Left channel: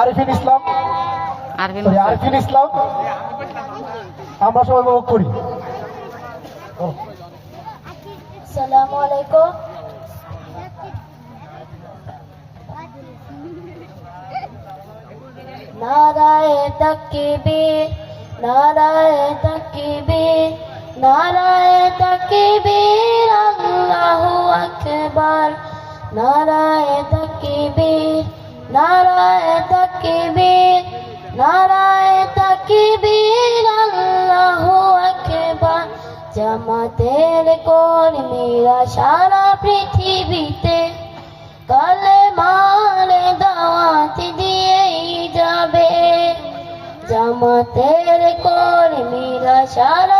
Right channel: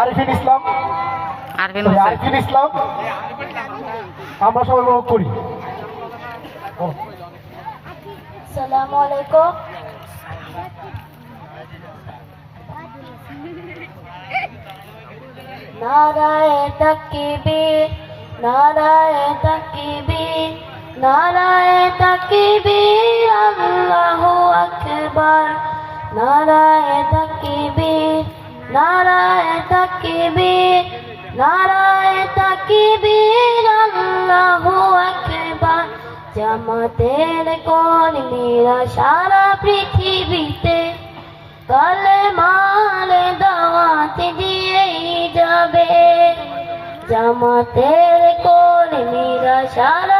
আরিফিন ইসলাম। আরফিন ইসলাম। আমরা সবাই উপভোগ করি। ও, আলাইকুম। নারায় তাকবীর নারায় তাকবীর। নারায় তাকবীর, আল্লাহু আকবার। নারায় তাকবীর নারায় তাকবীর নারায় তাকবীর, আল্লাহু আকবার। জামাতের কর্মীরা সারা পৃথিবীতে কালে মালে দাওয়াত দিয়েই যাবে। জামাতের কর্মীরা সারা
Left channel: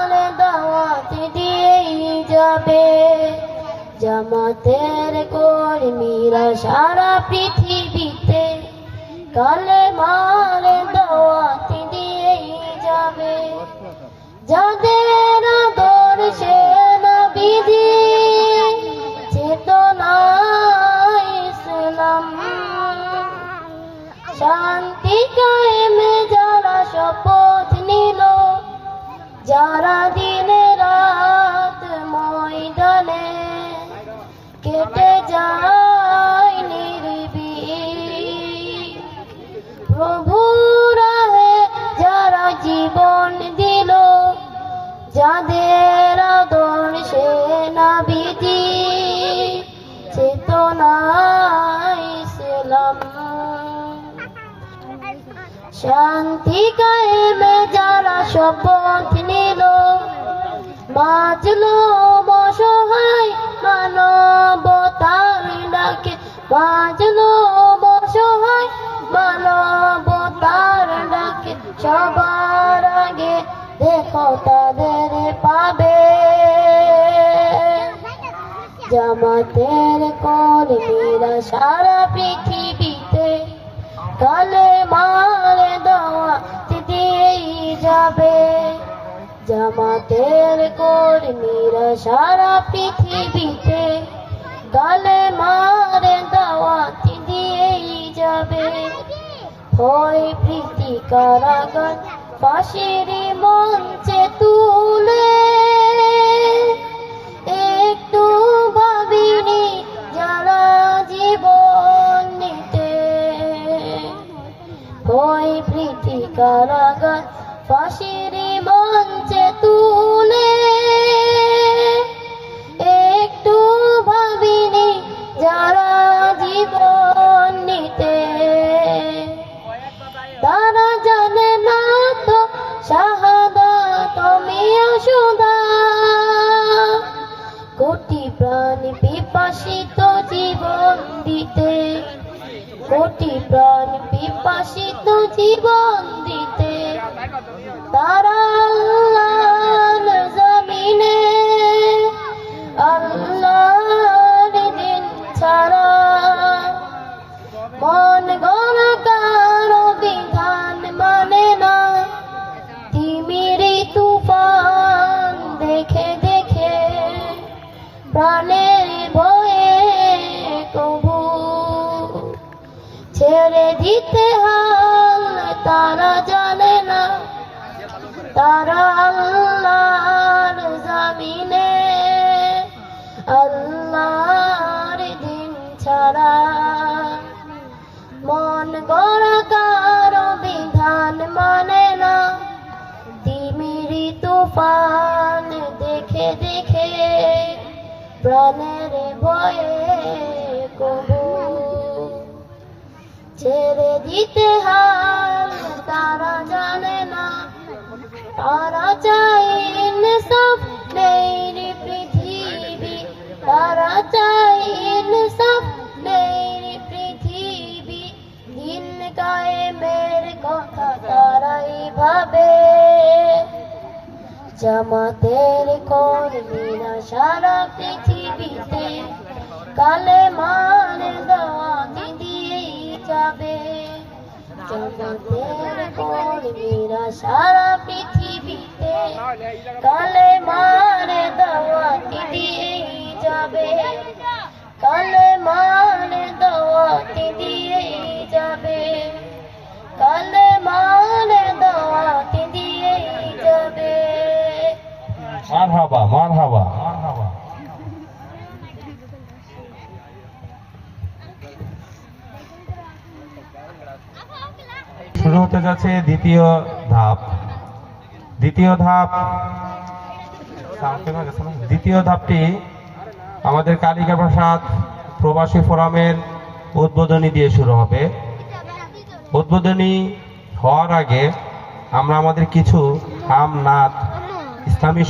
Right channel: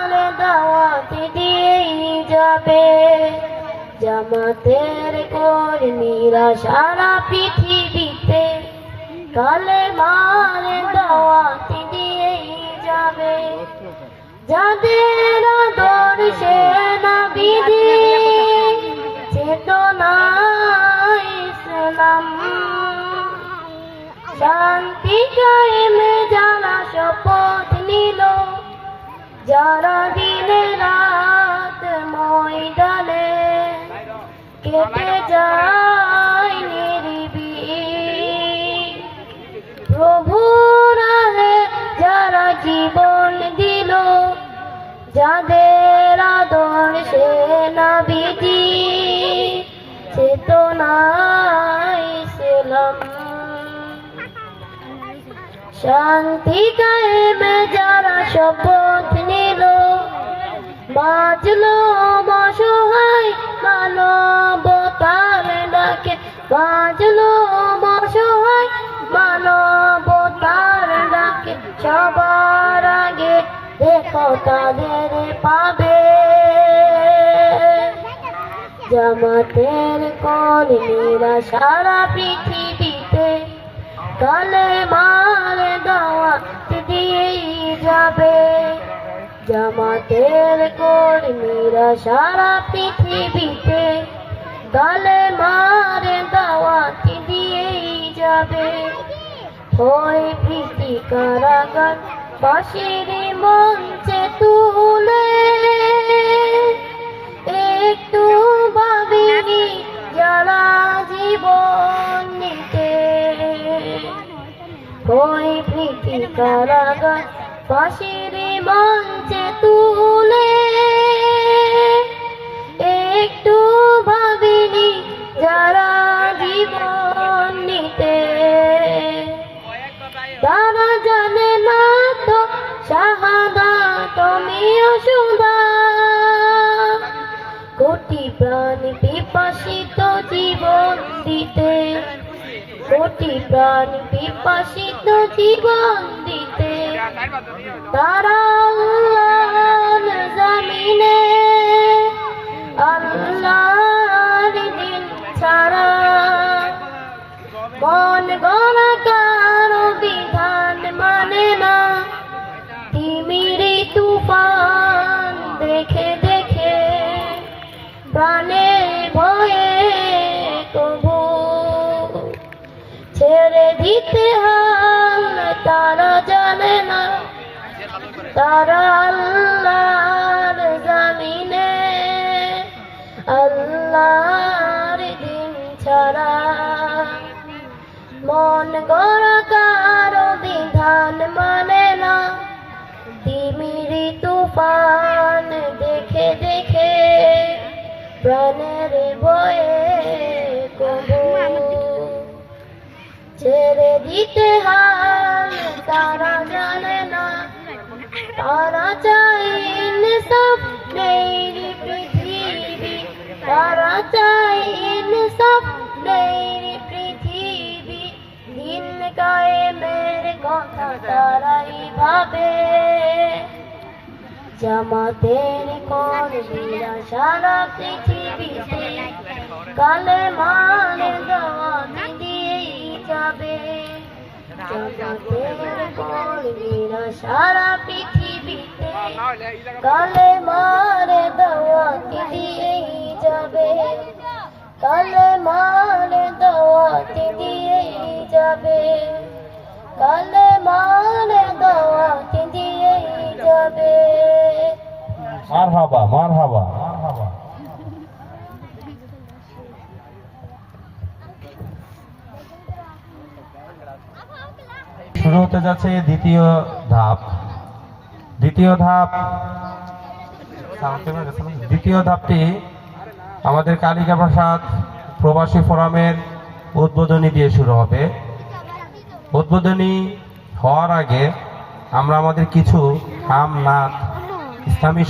দাওয়াত দিয়েই যাবে। জামাতের কর্মীরা সারা পৃথিবীতে কালে মালে দাওয়াত দিয়েই যাবে। যাদের আদর্শে নবীজি চেতনা ইসলাম। শান্তি কায়েমে যারা শপথ নিল, যারা ইসলাম শান্তি কায়েমে যারা শপথ নিল। বাঁচলো অসহায় মানবতার ডাকে। বাঁচলো অসহায় মানবতার ডাকে। সবার আগে দেখো তাদের জামাতের কর্মীরা সারা পৃথিবীতে কালে মারে দাওয়াত দিয়েই যাবে। জামাতের কর্মীরা সারা পৃথিবীতে কালে মারে দাওয়াত দিয়েই যাবে। ওই প্রীতি কারাগার পাশেরই মঞ্চে তুলে শাহাদা তুমি সুদা কোটি প্রাণ বিপাসিত জীবন দিতে। কোটি প্রাণ বিপাসিত জীবন দিতে। তারা প্রাণের ভয়ে কবু ছেড়ে দিতে হাল তারা জানে না তারা প্রাণের ভয়ে কবু ছেড়ে দিতে হাল তারা জানে না। তারা চাই সব নেই পৃথিবী, তারা চাই সব নেই পৃথিবী। দিন কায়েমের কথা তারাই ভাবে। জামাতের কর্মীরা সারা পৃথিবী কালে মানের দাওয়াত দিয়েই যাবে। জামাতের কর্মীরা সারা পৃথিবীতে কালে মারে দাওয়াত দিয়েই যাবে। কালে মারে দাওয়াত দিয়েই যাবে। কালে মারে দাওয়াত দিয়েই যাবে। মারহাবা শুরু হতে যাচ্ছে দ্বিতীয় ধাপ। দ্বিতীয় ধাপ। দ্বিতীয় ধাপটি আমাদের কালিকা প্রসাদ প্রবাসী ফোরামের উদ্বোধনী দিয়ে শুরু হবে। উদ্বোধনী হওয়ার আগে আমরা আমাদের কিছু আম নাথ ইসলামী